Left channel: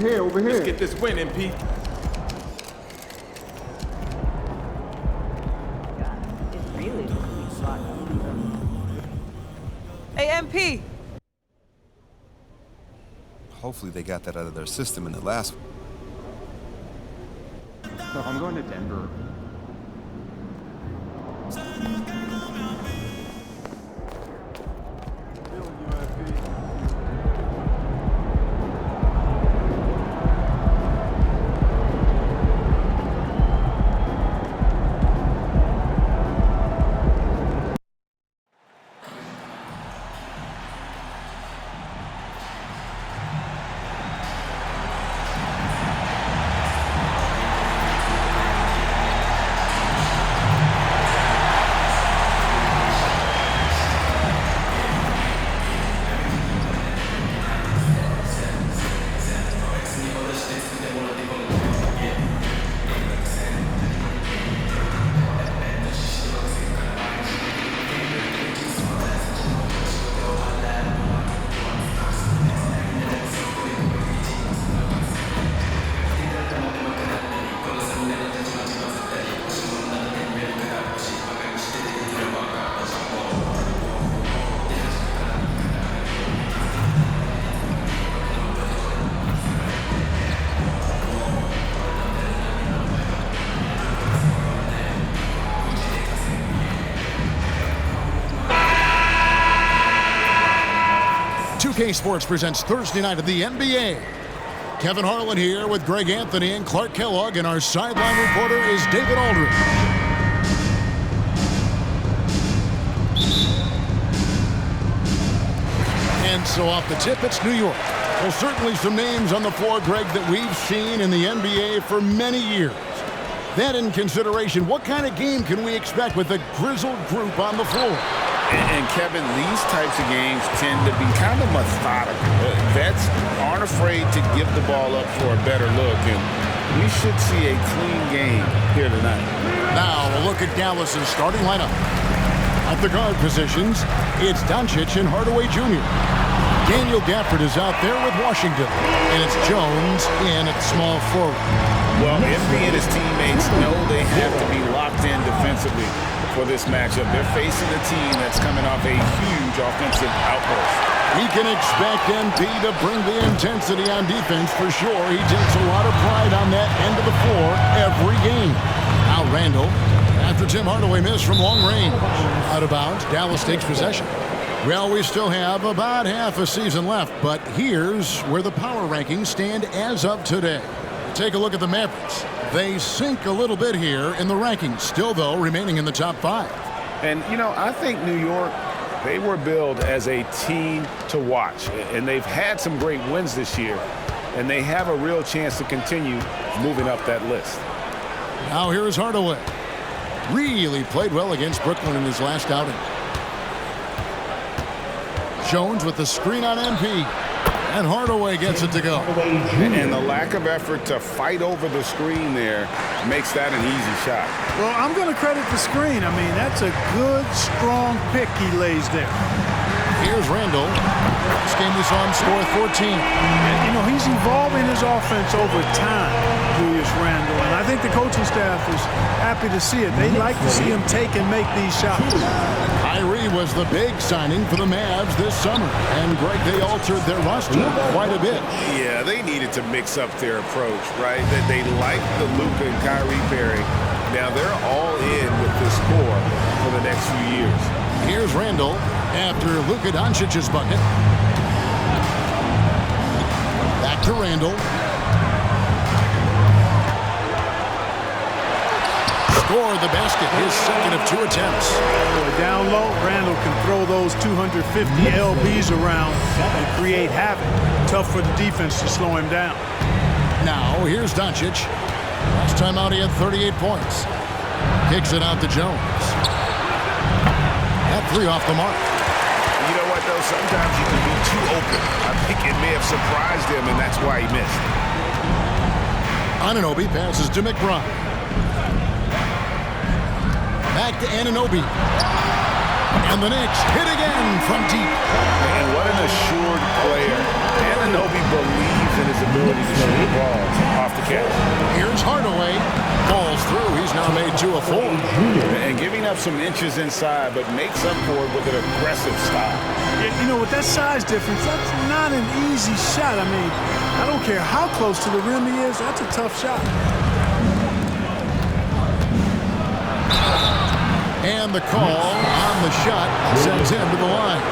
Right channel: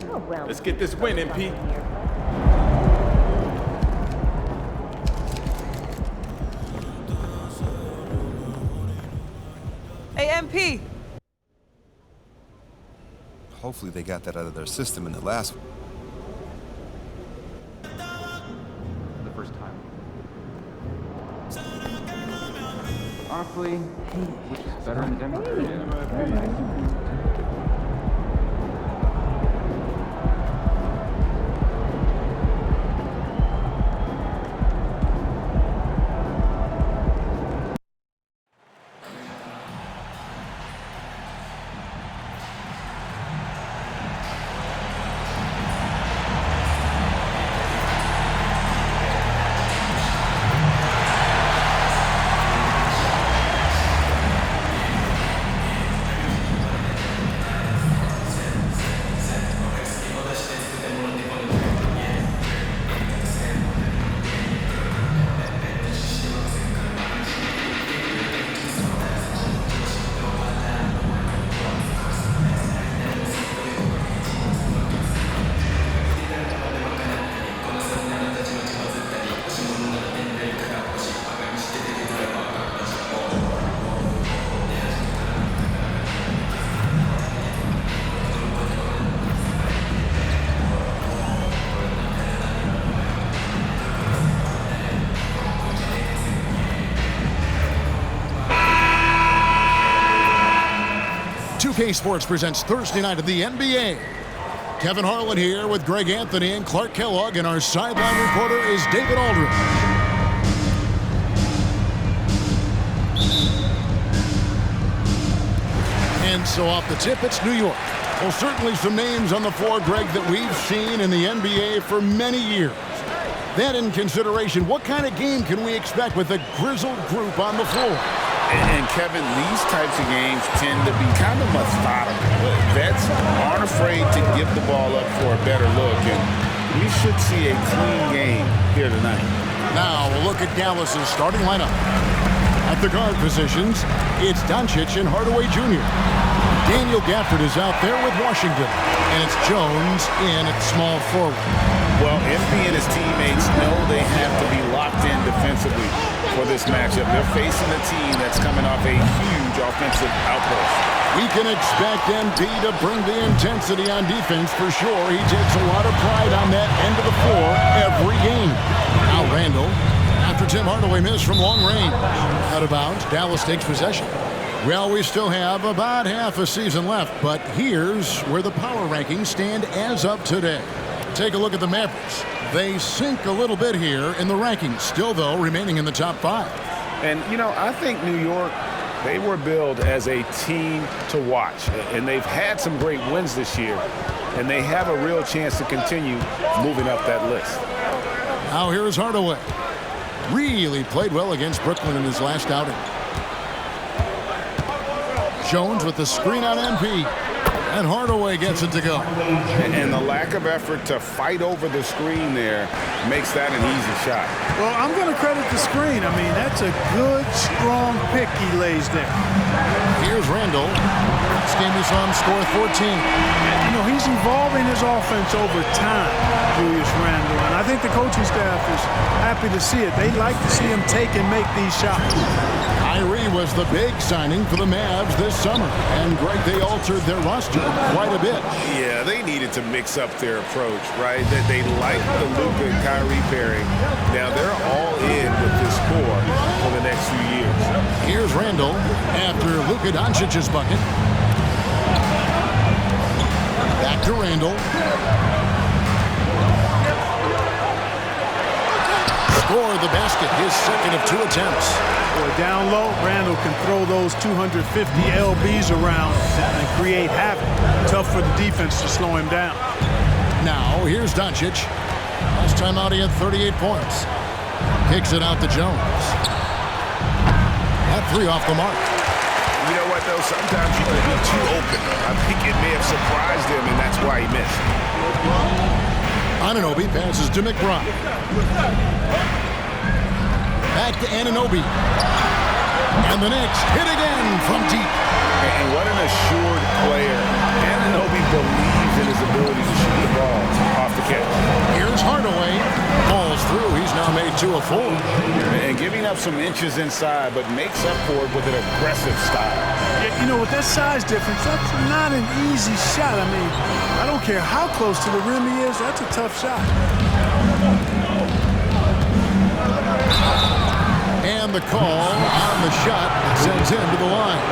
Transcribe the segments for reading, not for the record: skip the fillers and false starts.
Let's get this win, MP. Hey, MP. Hopefully they got that out of their system in the last one. So I'm going to Denver for the first time. Honestly, it's better in Denver. K Sports presents Thursday night of the NBA. Kevin Harlan here with Greg Anthony and Clark Kellogg, and our sideline reporter is David Aldridge. And so off the tip, it's New York. Well, certainly some names on the floor, Greg, that we've seen in the NBA for many years. That in consideration, what kind of game can we expect with a grizzled group on the floor? And Kevin, these types of games tend to be kind of methodical. Vets aren't afraid to give the ball up for a better look, and we should see a clean game here tonight. Now a look at Dallas's starting lineup. At the guard positions, it's Doncic and Hardaway Jr. Daniel Gafford is out there with Washington, and it's Jones in at small forward. Well, MP and his teammates know they have to be locked in defensively for this matchup. They're facing a team that's coming off a huge offensive outburst. We can expect MP to bring the intensity on defense for sure. He takes a lot of pride on that end of the floor every game. Now Randall, after Tim Hardaway missed from long range. Out of bounds, Dallas takes possession. Well, we still have about half a season left, but here's where the power rankings stand as of today. Take a look at the Mavericks. They sink a little bit here in the rankings, still, though, remaining in the top 5. And, you know, I think New York, they were billed as a team to watch. And they've had some great wins this year. And they have a real chance to continue moving up that list. Now here's Hardaway. Really played well against Brooklyn in his last outing. Jones with the screen on MP. And Hardaway gets it to go. And the lack of effort to fight over the screen there makes that an easy shot. Well, I'm going to credit the screen. I mean, that's a good, strong pick he lays there. Here's Randall. Last game we saw him score 14. You know, he's evolving his offense over time, Julius Randle. And I think the coaching staff is happy to see it. They like to see him take and make these shots. Kyrie was the big signing for the Mavs this summer. And, Greg, they altered their roster quite a bit. Yeah, they needed to mix up their approach, right? That they like the Luka and Kyrie pairing. Now they're all in with this core for the next few years. Here's Randall after Luka Doncic's bucket. Back to Randall. Scored the basket, his second of 2 attempts. Boy, down low, Randall can throw those 250 LBs around and create havoc. Tough for the defense to slow him down. Now, here's Doncic. Last time out, he had 38 points. Kicks it out to Jones. That 3 off the mark. You know what, though? Sometimes you can be too open. I think it may have surprised him, and that's why he missed. Anunoby passes to McBride. Back to Anunoby. And the Knicks hit again from deep. And what an assured player. Anunoby believes in his ability to shoot the ball off the catch. Here's Hardaway. Falls through. He's now made 2 of 4. And giving up some inches inside, but makes up for it with an aggressive style. Yeah, you know, with that size difference, that's not an easy shot. I mean, I don't care how close to the rim he is, that's a tough shot. And the call on the shot sends him to the line.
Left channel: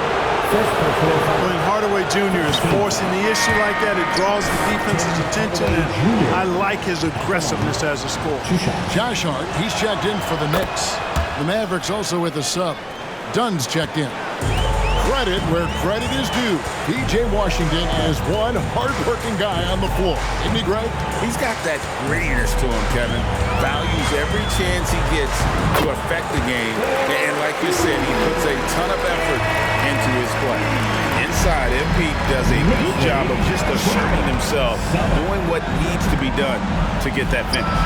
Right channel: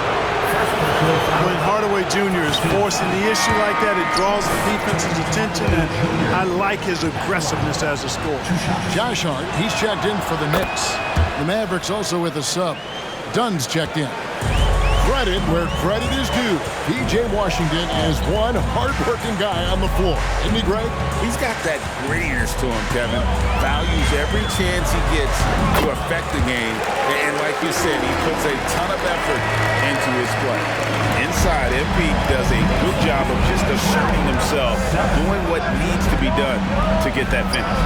When Hardaway Jr. is forcing the issue like that, it draws the defense's attention, and I like his aggressiveness as a scorer. Josh Hart, he's checked in for the Knicks. The Mavericks also with a sub. Dunn's checked in. Credit where credit is due. P.J. Washington is one hard-working guy on the floor. Isn't he, Greg? He's got that grittiness to him, Kevin. Values every chance he gets to affect the game. And like you said, he puts a ton of effort into his play. Inside, MP does a good job of just asserting himself, doing what needs to be done to get that finish.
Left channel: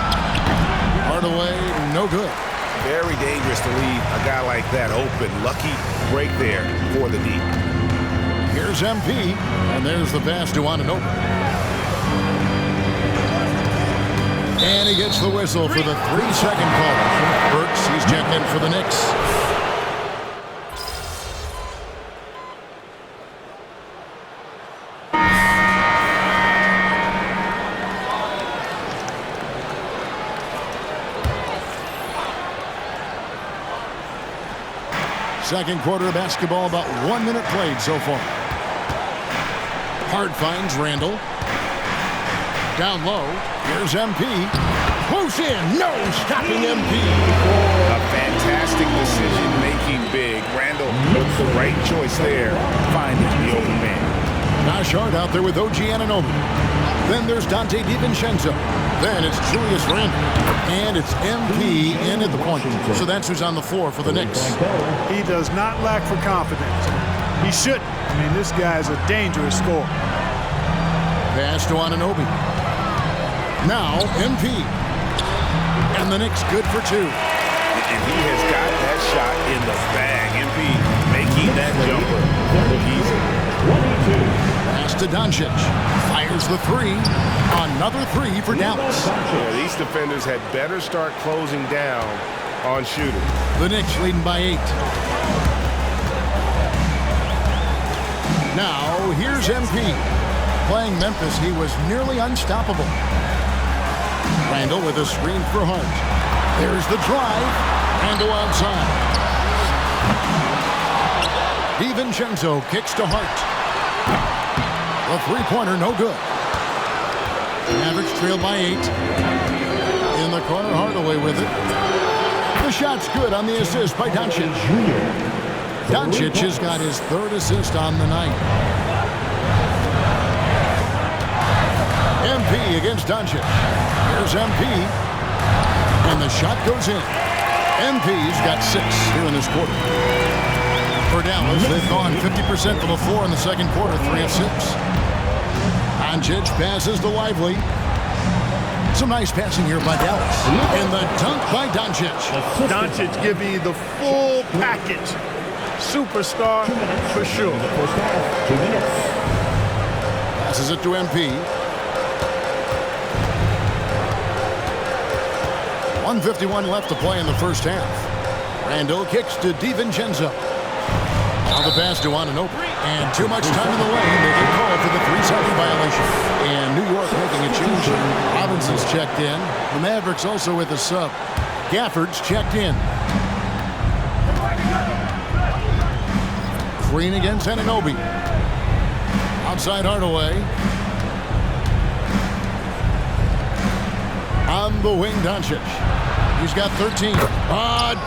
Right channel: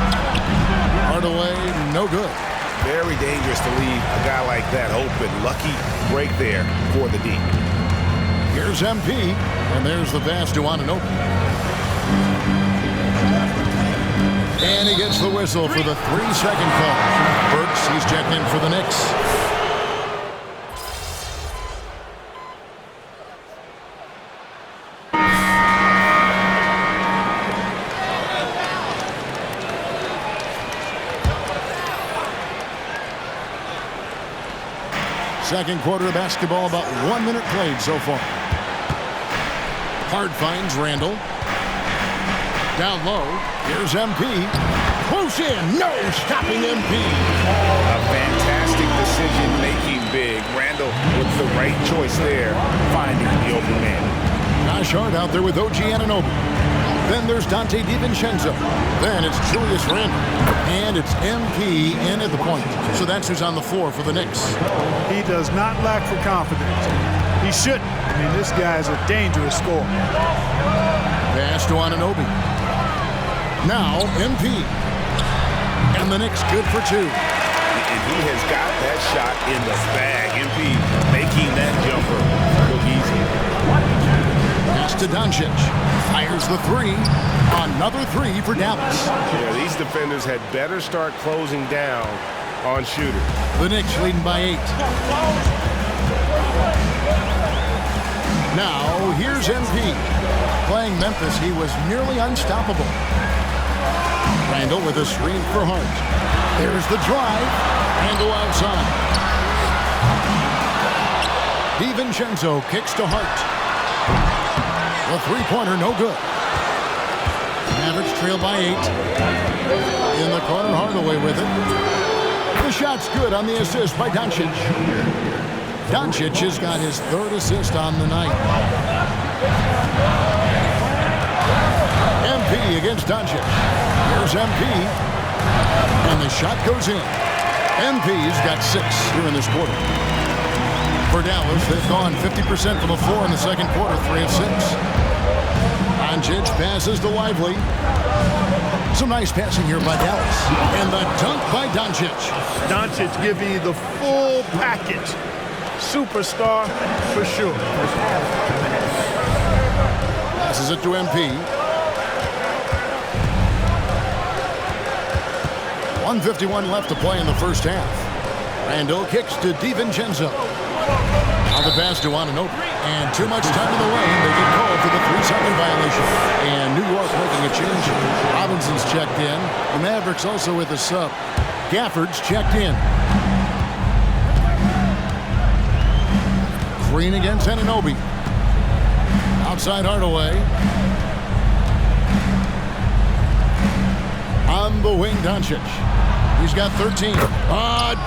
Hardaway, no good. Very dangerous to leave a guy like that open. Lucky break there for the D. Here's MP, and there's the pass to Anunoby. And he gets the whistle for the 3-second call. Burks, he's checked in for the Knicks. Second quarter of basketball, about 1 minute played so far. Hart finds Randall. Down low, here's MP. Close in, no stopping MP. A fantastic decision making big. Randall with the right choice there, finding the open man. Josh Hart out there with OG Anunoby. Then there's Donte DiVincenzo. Then it's Julius Randle. And it's MP in at the point. So that's who's on the floor for the Knicks. He does not lack for confidence. He shouldn't. I mean, this guy is a dangerous scorer. Pass to Anunoby. Now MP. And the Knicks good for 2. And he has got that shot in the bag. MP making that jumper look easy. Pass to Doncic. Fires the 3. Another 3 for Dallas. Yeah, these defenders had better start closing down on shooters. The Knicks leading by 8. Now, here's MP. Playing Memphis, he was nearly unstoppable. Randall with a screen for Hart. There's the drive. Randall outside. DiVincenzo kicks to Hart. The three-pointer, no good. Mavericks trail by 8. In the corner, Hardaway with it. The shot's good on the assist by Doncic. Doncic has got his 3rd assist on the night. MP against Doncic. Here's MP. And the shot goes in. MP's got 6 here in this quarter. For Dallas, they've gone 50% from the floor in the second quarter, 3 of 6. Doncic passes to Lively. Some nice passing here by Dallas. And the dunk by Doncic. Doncic giving you the full package. Superstar for sure. Passes it to MP. 1:51 left to play in the first half. Randall kicks to DiVincenzo. Now the pass to Anunoby. And too much time in the lane. They get called for the 3-second violation. And New York making a change. Robinson's checked in. The Mavericks also with a sub. Gafford's checked in. Green against Anunoby. Outside Hardaway. On the wing, Doncic. He's got 13.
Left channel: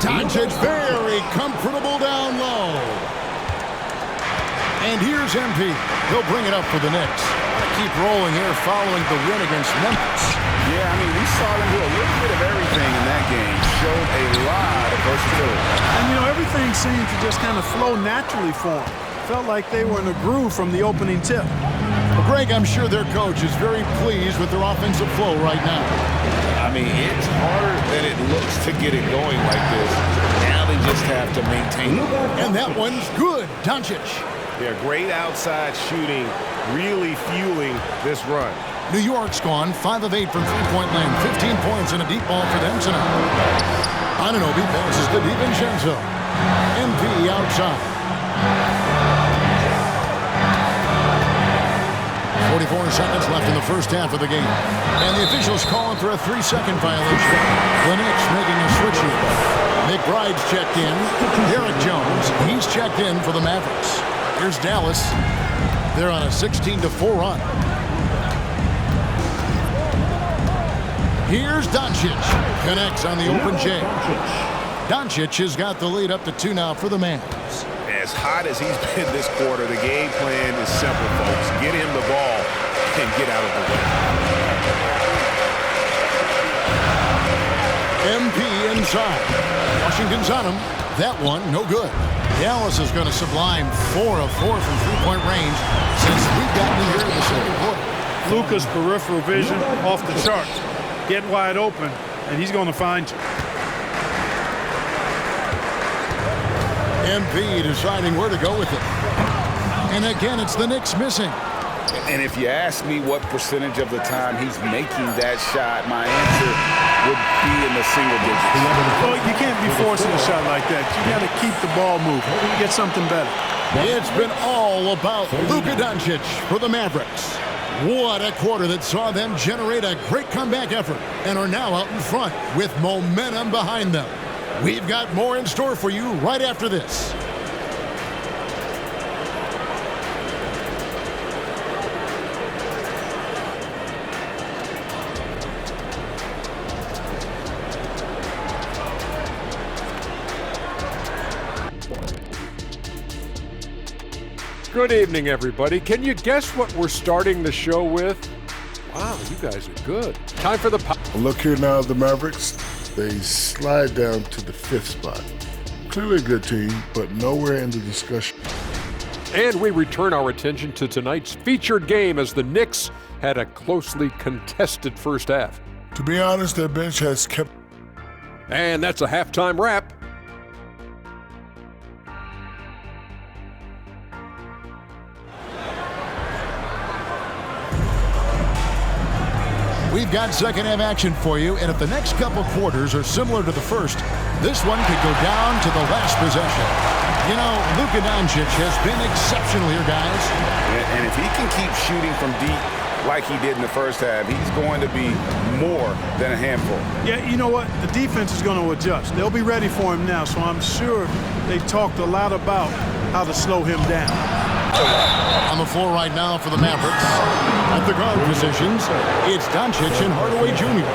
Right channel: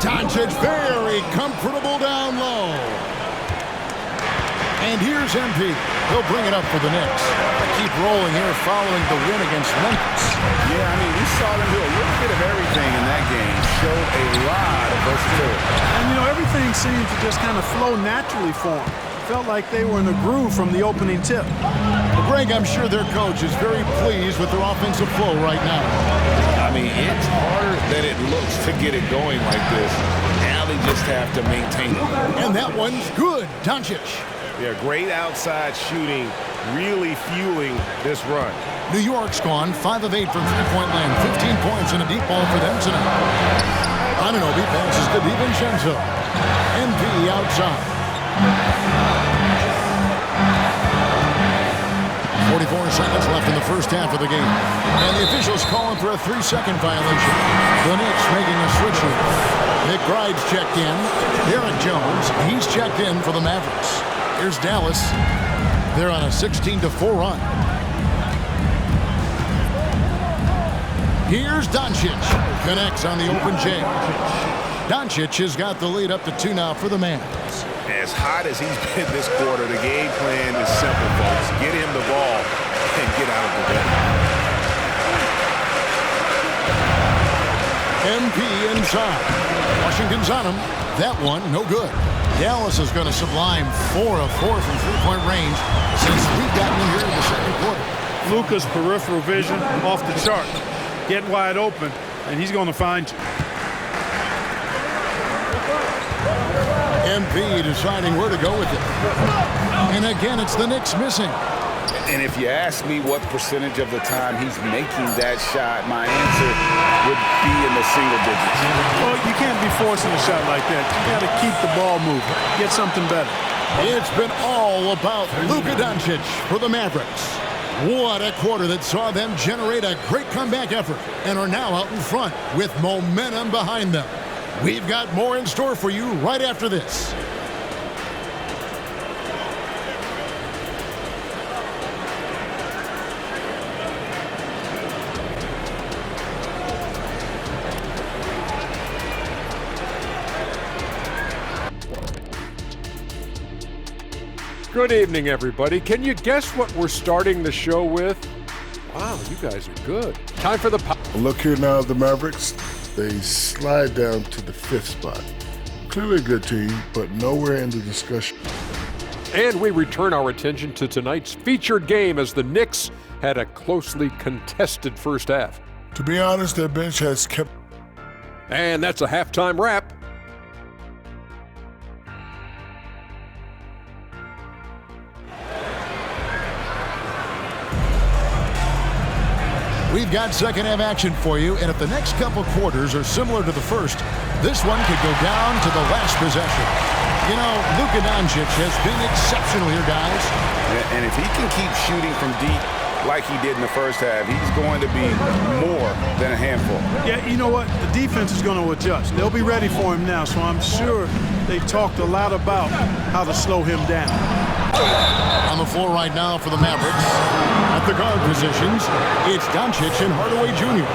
Doncic very comfortable down low. And here's MP. He'll bring it up for the Knicks. Keep rolling here following the win against Memphis. Yeah, I mean, we saw them do a little bit of everything in that game. Showed a lot of versatility. And, you know, everything seemed to just kind of flow naturally for them. Felt like they were in a groove from the opening tip. Well, Greg, I'm sure their coach is very pleased with their offensive flow right now. I mean, it's harder than it looks to get it going like this. Now they just have to maintain it. And that one's good. Doncic. Yeah, great outside shooting, really fueling this run. New York's gone 5 of 8 from three-point land. 15 points and a deep ball for them tonight. Anunoby passes to DiVincenzo. MP outside. 44 seconds left in the first half of the game. And the officials calling for a 3-second violation. The Knicks making a switch here. McBride's checked in. Derek Jones, he's checked in for the Mavericks. Here's Dallas. They're on a 16-4 run. Here's Doncic. Connects on the open J. Doncic has got the lead up to 2 now for the Mavs. As hot as he's been this quarter, the game plan is simple, folks. Get him the ball and get out of the way. MP inside. Washington's on him. That one, no good. Dallas is going to sublime 4 of 4 from three-point range since we've gotten in here in the second quarter. Luka's peripheral vision off the charts. Get wide open, and he's going to find you. MP deciding where to go with it. And again, it's the Knicks missing. And if you ask me what percentage of the time he's making that shot, my answer would be in the single digits. Well, you can't be forcing a shot like that. You got to keep the ball moving. Get something better. It's been all about Luka Doncic for the Mavericks. What a quarter that saw them generate a great comeback effort and are now out in front with momentum behind them. We've got more in store for you right after this. Good evening, everybody. Can you guess what we're starting the show with? Wow, you guys are good. Time for the... Look here now, the Mavericks. They slide down to the 5th spot. Clearly a good team, but nowhere in the discussion. And we return our attention to tonight's featured game as the Knicks had a closely contested first half. To be honest, their bench has kept... And that's a halftime wrap. We've got second half action for you, and if the next couple quarters are similar to the first, this one could go down to the last possession. You know, Luka Doncic has been exceptional here, guys. And if he can keep shooting from deep like he did in the first half, he's going to be more than a handful. Yeah, you know what? The defense is going to adjust. They'll be ready for him now, so I'm sure they talked a lot about how to slow him down. On the floor right now for the Mavericks. At the guard positions, it's Doncic and Hardaway Jr.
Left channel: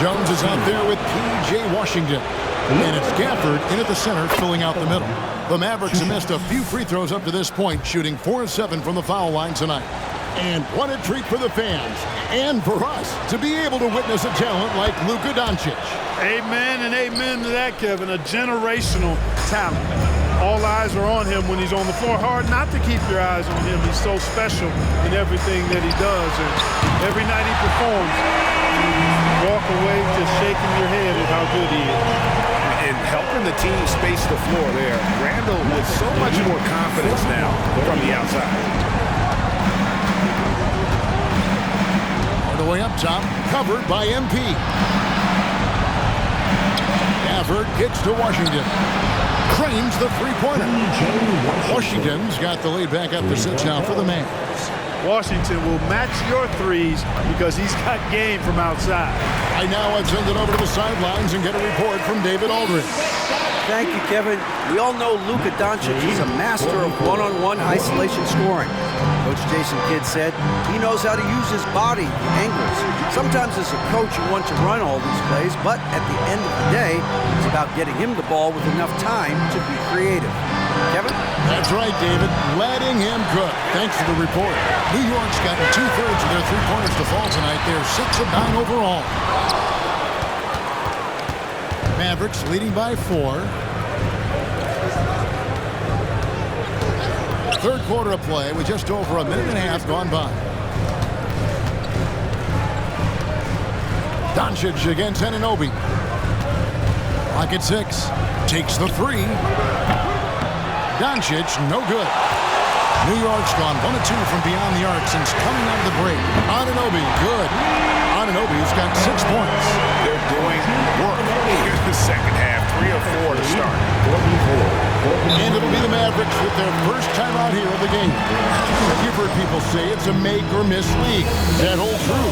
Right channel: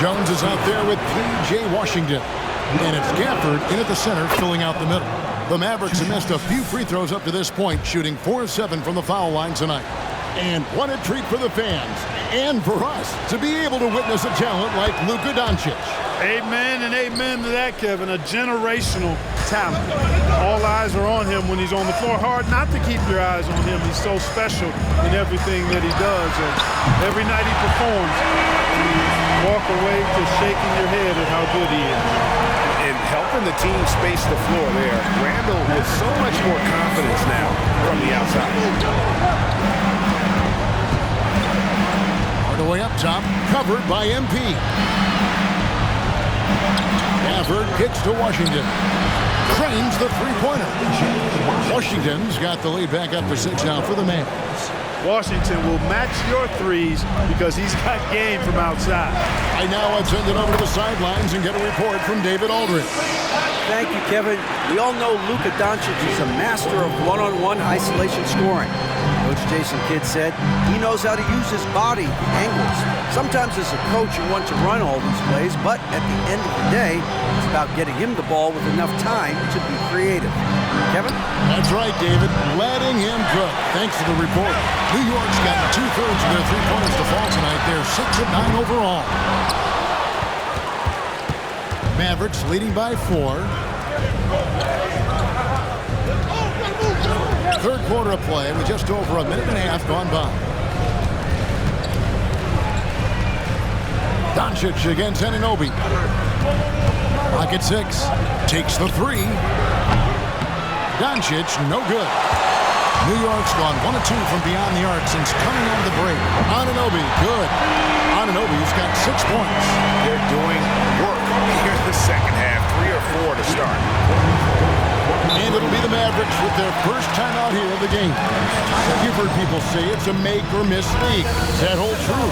Jones is out there with P.J. Washington. And it's Gafford in at the center, filling out the middle. The Mavericks have missed a few free throws up to this point, shooting 4 of 7 from the foul line tonight. And what a treat for the fans and for us to be able to witness a talent like Luka Doncic. Amen and amen to that, Kevin. A generational talent. All eyes are on him when he's on the floor. Hard not to keep your eyes on him. He's so special in everything that he does. And every night he performs, you walk away just shaking your head at how good he is. And helping the team space the floor there. Randall with so much more confidence now from the outside. Hardaway up top, covered by MP. Gafford kicks to Washington. Cranes the three-pointer. Washington's got the lead back up to 6 now for the Mavs. Washington will match your threes because he's got game from outside. Right now, I'd send it over to the sidelines and get a report from David Aldridge. Thank you, Kevin. We all know Luka Doncic is a master of one-on-one isolation scoring. Coach Jason Kidd said he knows how to use his body, angles. Sometimes as a coach you want to run all these plays, but at the end of the day, it's about getting him the ball with enough time to be creative. Kevin? That's right, David. Letting him cook. Thanks for the report. New York's gotten 2/3 of their three-pointers to fall tonight. They're 6 of 9 overall. Mavericks leading by 4. Third quarter of play with just over a minute and a half gone by. Doncic against Anunoby. Clock at 6. Takes the three. Doncic, no good. New York's gone 1 of 2 from beyond the arc since coming out of the break. Anunoby, good. Anunoby's got 6 points. They're doing work here in the second half, 3 or 4 to start. And it'll be the Mavericks with their first time out here of the game. You've heard people say it's a make or miss league. Does that hold true?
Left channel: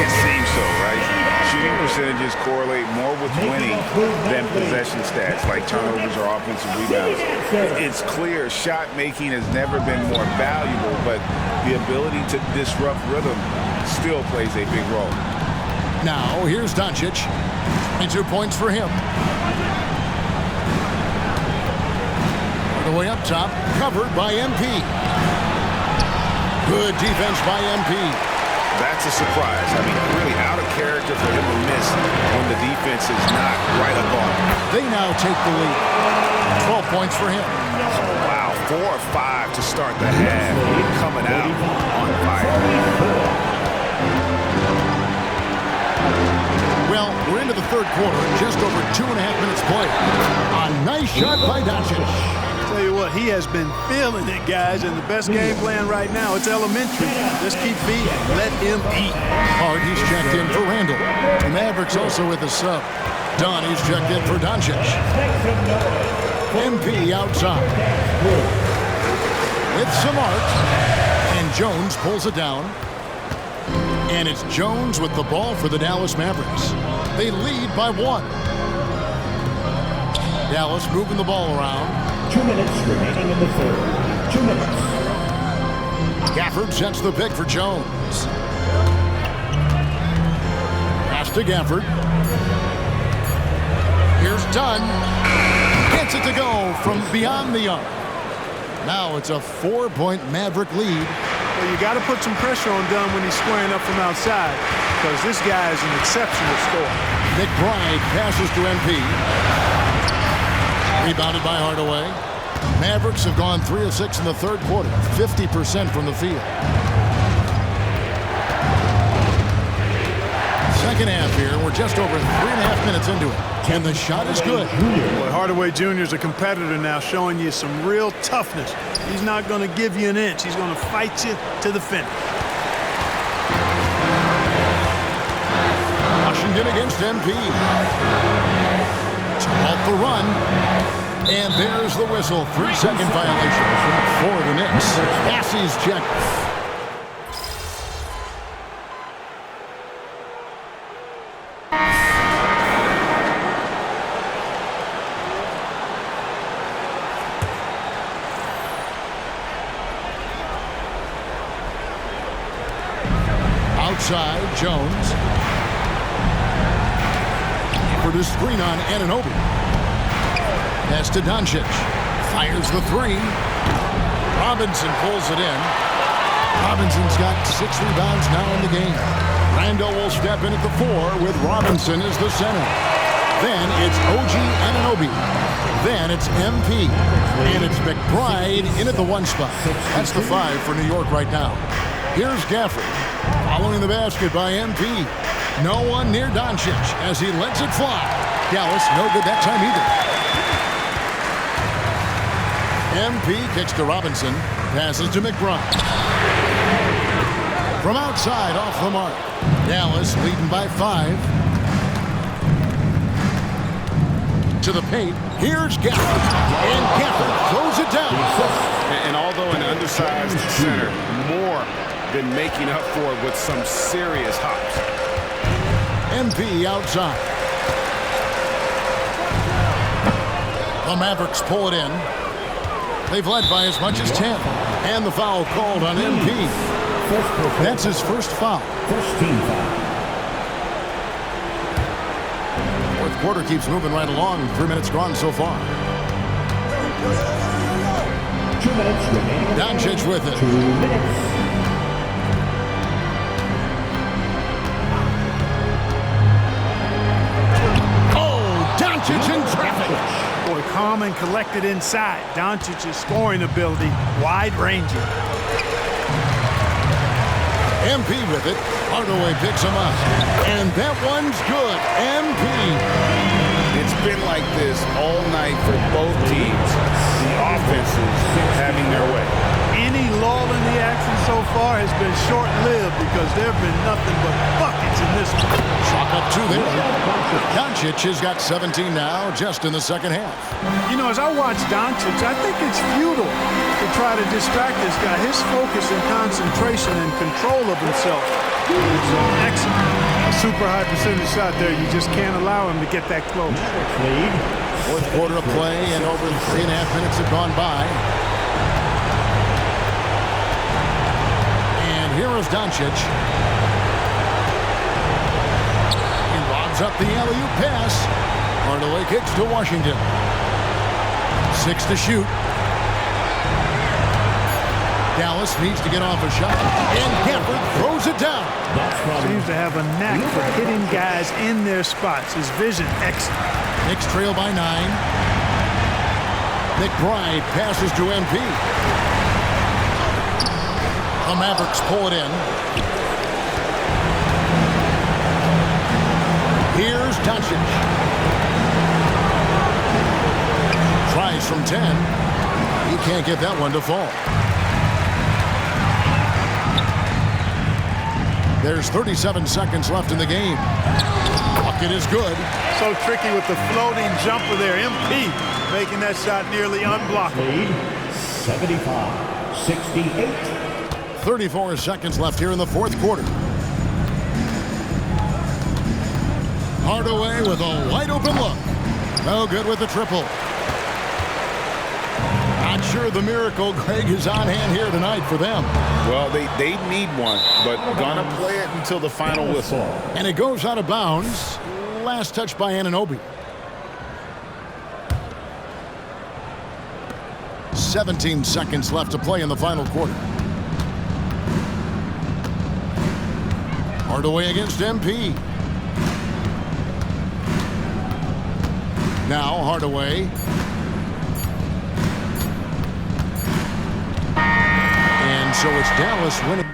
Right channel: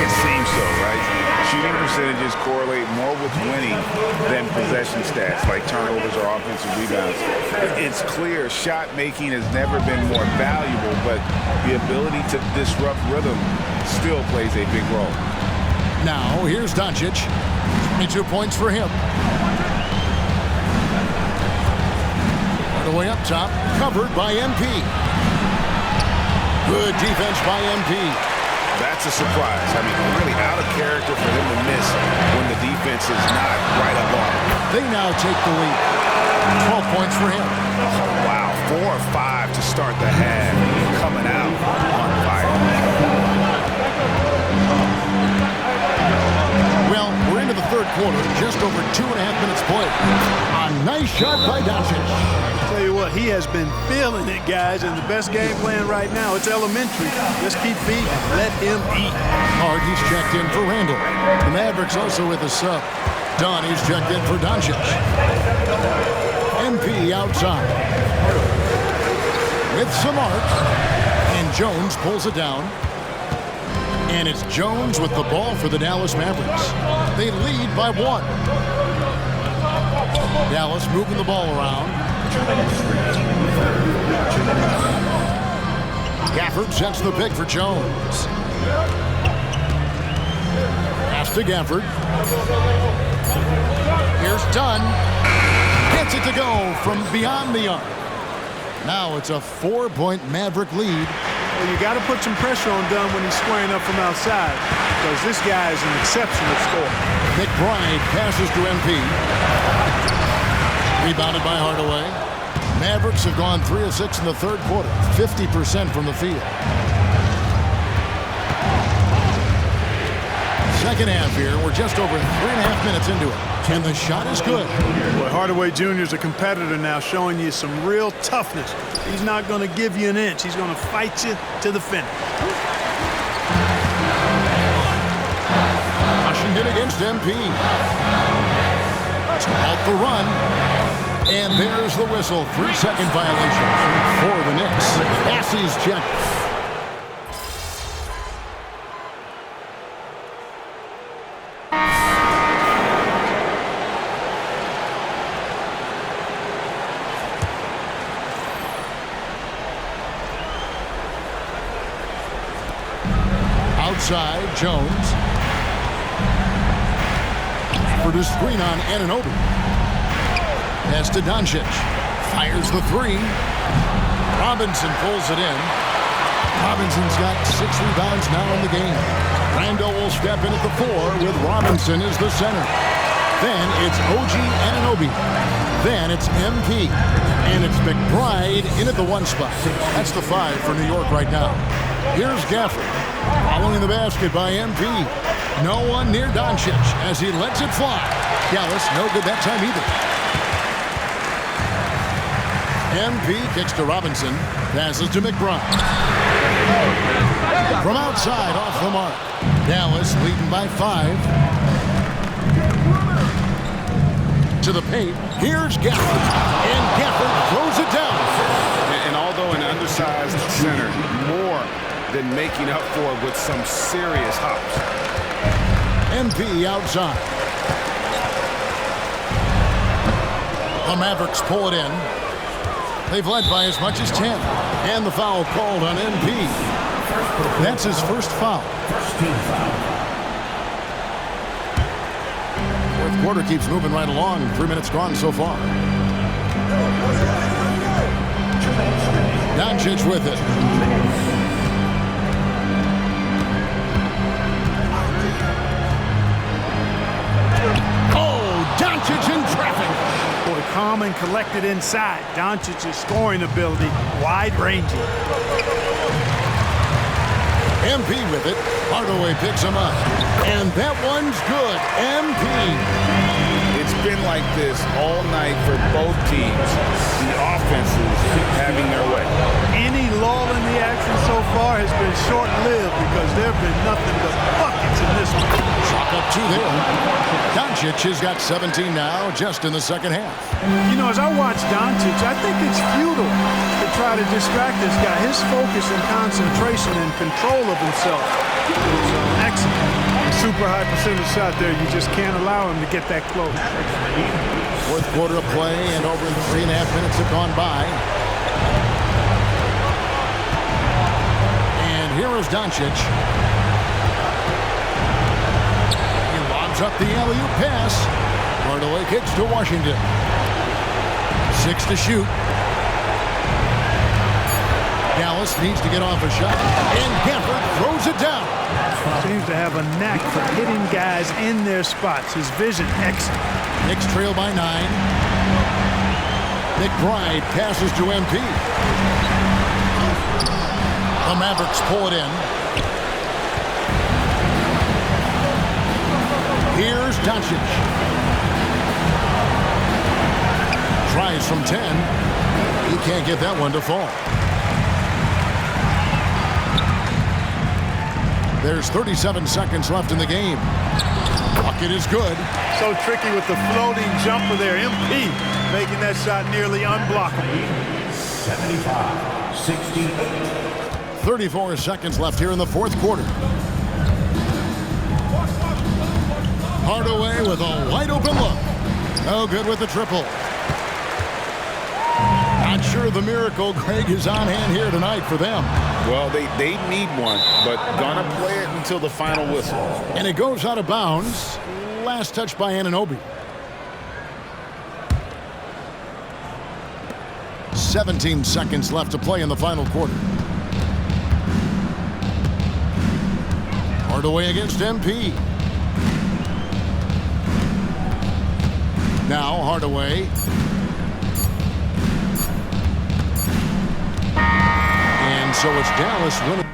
It seems so, right? Shooting percentages correlate more with winning than possession stats like turnovers or offensive rebounds. It's clear shot making has never been more valuable, but the ability to disrupt rhythm still plays a big role. Now, here's Doncic. 22 points for him. Hardaway up top, covered by MP. Good defense by MP. That's a surprise. I mean, really out of character for him to miss when the defense is not right up on him. They now take the lead. 12 points for him. Oh, wow. 4 or 5 to start the half. Coming out on fire. Well, we're into the third quarter, just over 2.5 minutes played. A nice shot by Doncic. Tell you what, he has been feeling it, guys, and the best game plan right now, it's elementary. Just keep feeding, let him eat. Hard, he's checked in for Randall. The Mavericks also with a sub. Dunn, he's checked in for Doncic. MP outside. With some arc, and Jones pulls it down. And it's Jones with the ball for the Dallas Mavericks. They lead by 1. Dallas moving the ball around. 2 minutes remaining in the third. 2 minutes. Gafford sets the pick for Jones. Pass to Gafford. Here's Dunn. Gets it to go from beyond the arc. Now it's a 4-point Maverick lead. Well, you got to put some pressure on Dunn when he's squaring up from outside, because this guy is an exceptional scorer. McBride passes to MP. Rebounded by Hardaway. Mavericks have gone 3 of 6 in the third quarter, 50% from the field. Second half here, we're just over 3.5 minutes into it. And the shot is good. Boy, Hardaway Jr. is a competitor now, showing you some real toughness. He's not going to give you an inch. He's going to fight you to the finish. Washington against MP. To halt the run. And there's the whistle. 3-second violation for the Knicks. Bassey's check. Outside, Jones. For the screen on Anunoby. Pass to Doncic. Fires the 3. Robinson pulls it in. Robinson's got 6 rebounds now in the game. Randall will step in at the 4 with Robinson as the center. Then it's OG Anunoby. Then it's MP. And it's McBride in at the 1 spot. That's the 5 for New York right now. Here's Gafford. Following the basket by MP. No one near Doncic as he lets it fly. Dallas no good that time either. MP kicks to Robinson. Passes to McBride. From outside off the mark. Dallas leading by 5. To the paint. Here's Gafford. And Gafford throws it down. And although an undersized center, more than making up for it with some serious hops. MP outside. The Mavericks pull it in. They've led by as much as 10. And the foul called on MP. That's his first foul. First team foul. Fourth quarter keeps moving right along. 3 minutes gone so far. 2 minutes remaining. Doncic with it. 2 minutes. Doncic in traffic. Boy, calm and collected inside. Doncic's scoring ability, wide-ranging. MP with it. Hardaway picks him up. And that one's good. MP. It's been like this all night for both teams. The offenses having their way. Any lull in the action so far has been short-lived because there have been nothing but buckets in this one. Chalk up 2 there. Doncic has got 17 now, just in the second half. You know, as I watch Doncic, I think it's futile to try to distract this guy. His focus and concentration and control of himself is excellent. A super high percentage shot there. You just can't allow him to get that close. Fourth quarter of play, and over 3.5 minutes have gone by. And here is Doncic. He lobs up the alley-oop pass. Hardaway kicks to Washington. 6 to shoot. Dallas needs to get off a shot, and Gafford throws it down. Seems to have a knack for hitting guys in their spots. His vision, excellent. Knicks trail by 9. McBride passes to MP. The Mavericks pull it in. Here's Doncic. Tries from 10. He can't get that one to fall. There's 37 seconds left in the game. Bucket is good. So tricky with the floating jumper there. MP making that shot nearly unblockable. 75-68. 34 seconds left here in the fourth quarter. Hardaway with a wide open look. No good with the triple. Not sure the miracle, Greg, is on hand here tonight for them. Well, they need one, but gonna play it until the final whistle. And it goes out of bounds. Last touch by Anunoby. 17 seconds left to play in the final quarter. Hardaway against MP. Now Hardaway. And so it's Dallas winning.